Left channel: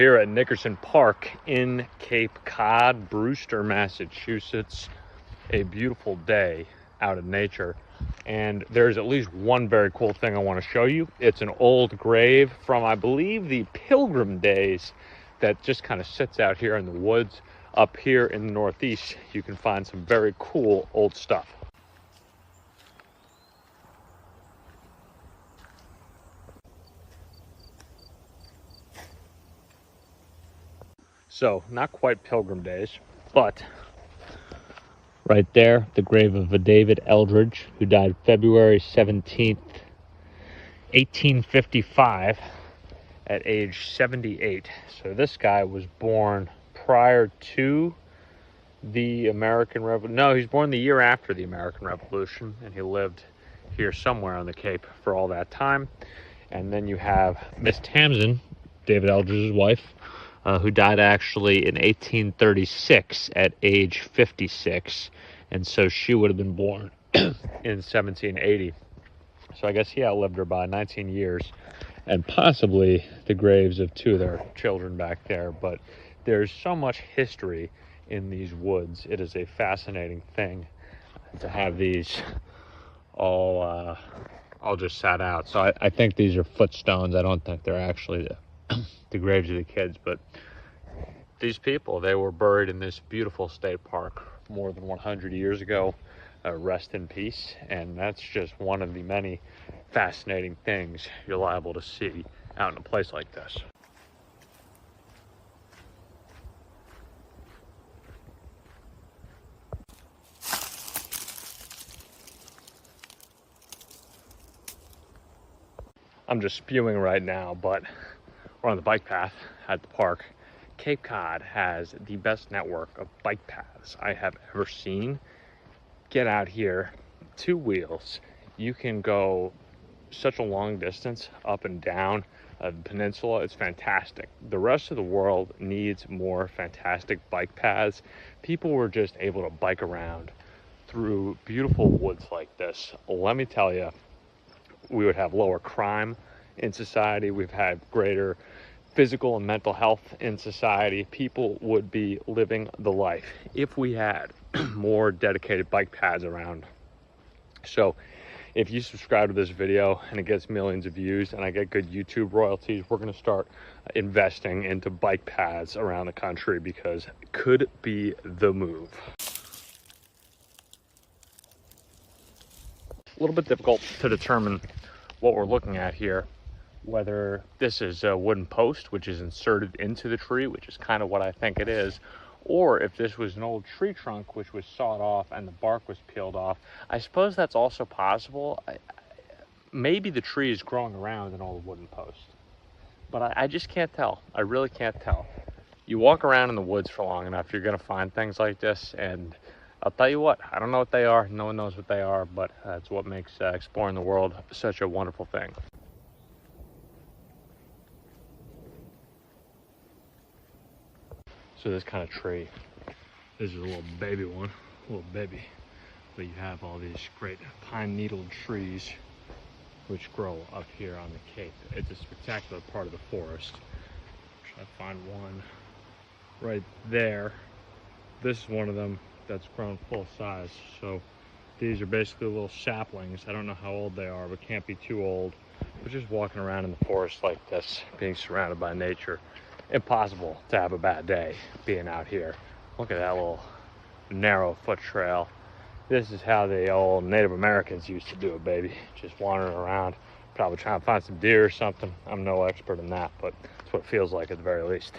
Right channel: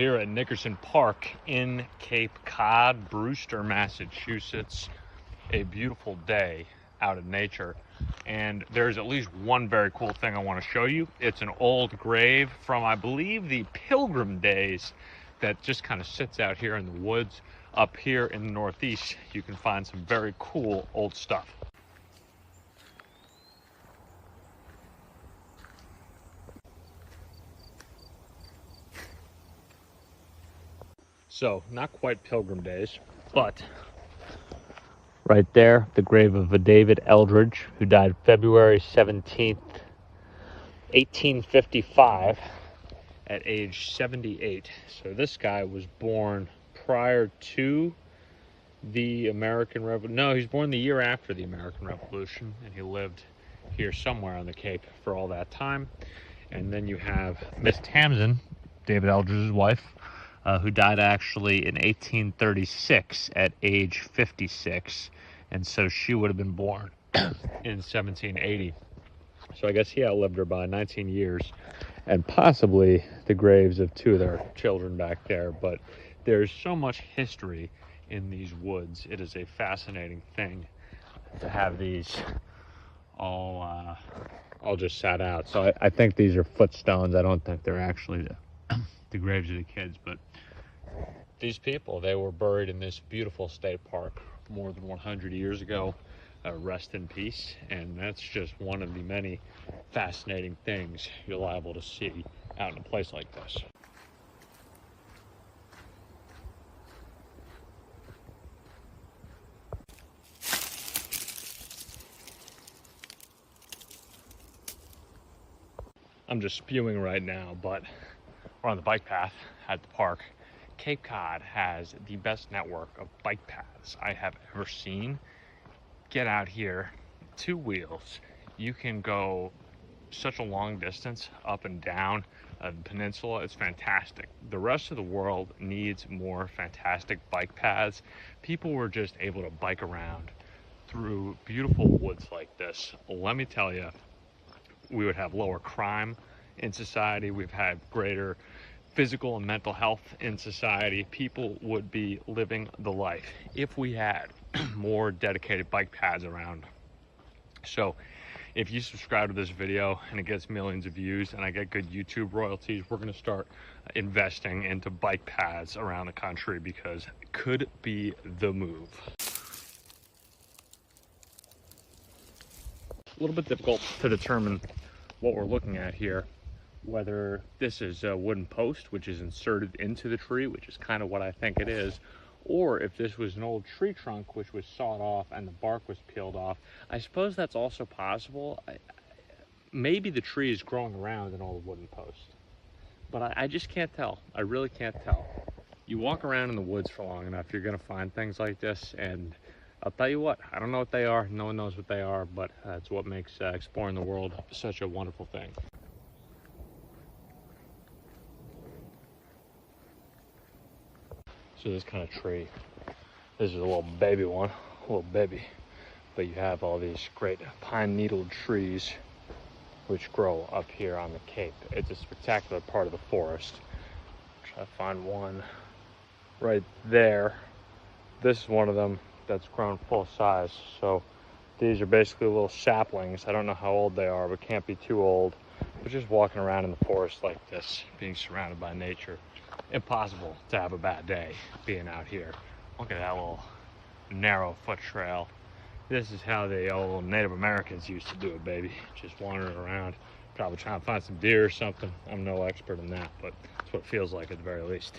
Here at Nickerson Park in Cape Cod, Brewster, Massachusetts. A beautiful day out in nature, and there's at least one very cool thing I want to show you. It's an old grave from, I believe, the Pilgrim days that just kind of sits out here in the woods. Up here in the Northeast, you can find some very cool old stuff. So, not quite Pilgrim days, but right there, the grave of a David Eldridge, who died February 17th, 1855, at age 78. So this guy was born prior to the American Revolution. No, he was born the year after the American Revolution, and he lived here somewhere on the Cape for all that time. And then you have Miss Tamsin, David Eldridge's wife, who died actually in 1836 at age 56. And so she would have been born in 1780. So I guess he outlived her by 19 years, and possibly the graves of two of their children back there. But there's so much history in these woods. It is a fascinating thing to have these all just sat out. So I think these are footstones. I don't think they're actually the graves of the kids, but these people, they were buried in this beautiful state park more than 100 years ago. Rest in peace. And that's just one of the many fascinating things you're liable to see out in a place like this. I'm just spewing right now, but we're on the bike path at the park. Cape Cod has the best network of bike paths I have ever seen. Get out here, two wheels. You can go such a long distance up and down the peninsula. It's fantastic. The rest of the world needs more fantastic bike paths. People were just able to bike around through beautiful woods like this. Let me tell you, we would have lower crime in society. We've had greater physical and mental health in society. People would be living the life if we had more dedicated bike paths around. So if you subscribe to this video and it gets millions of views and I get good YouTube royalties, we're going to start investing into bike paths around the country, because it could be the move. A little bit difficult to determine what we're looking at here, whether this is a wooden post which is inserted into the tree, which is kind of what I think it is, or if this was an old tree trunk which was sawed off and the bark was peeled off. I suppose that's also possible. Maybe the tree is growing around an old wooden post, but I just can't tell. I really can't tell. You walk around in the woods for long enough, you're going to find things like this, and I'll tell you what, I don't know what they are. No one knows what they are, but that's what makes exploring the world such a wonderful thing. So this kind of tree, this is a little baby one, but you have all these great pine needle trees which grow up here on the Cape. It's a spectacular part of the forest. Try to find one right there. This is one of them that's grown full size. So these are basically little saplings. I don't know how old they are, but can't be too old. But just walking around in the forest like this, being surrounded by nature, impossible to have a bad day being out here. Look at that little narrow foot trail. This is how the old Native Americans used to do it, baby. Just wandering around, probably trying to find some deer or something. I'm no expert in that, but it's what it feels like at the very least.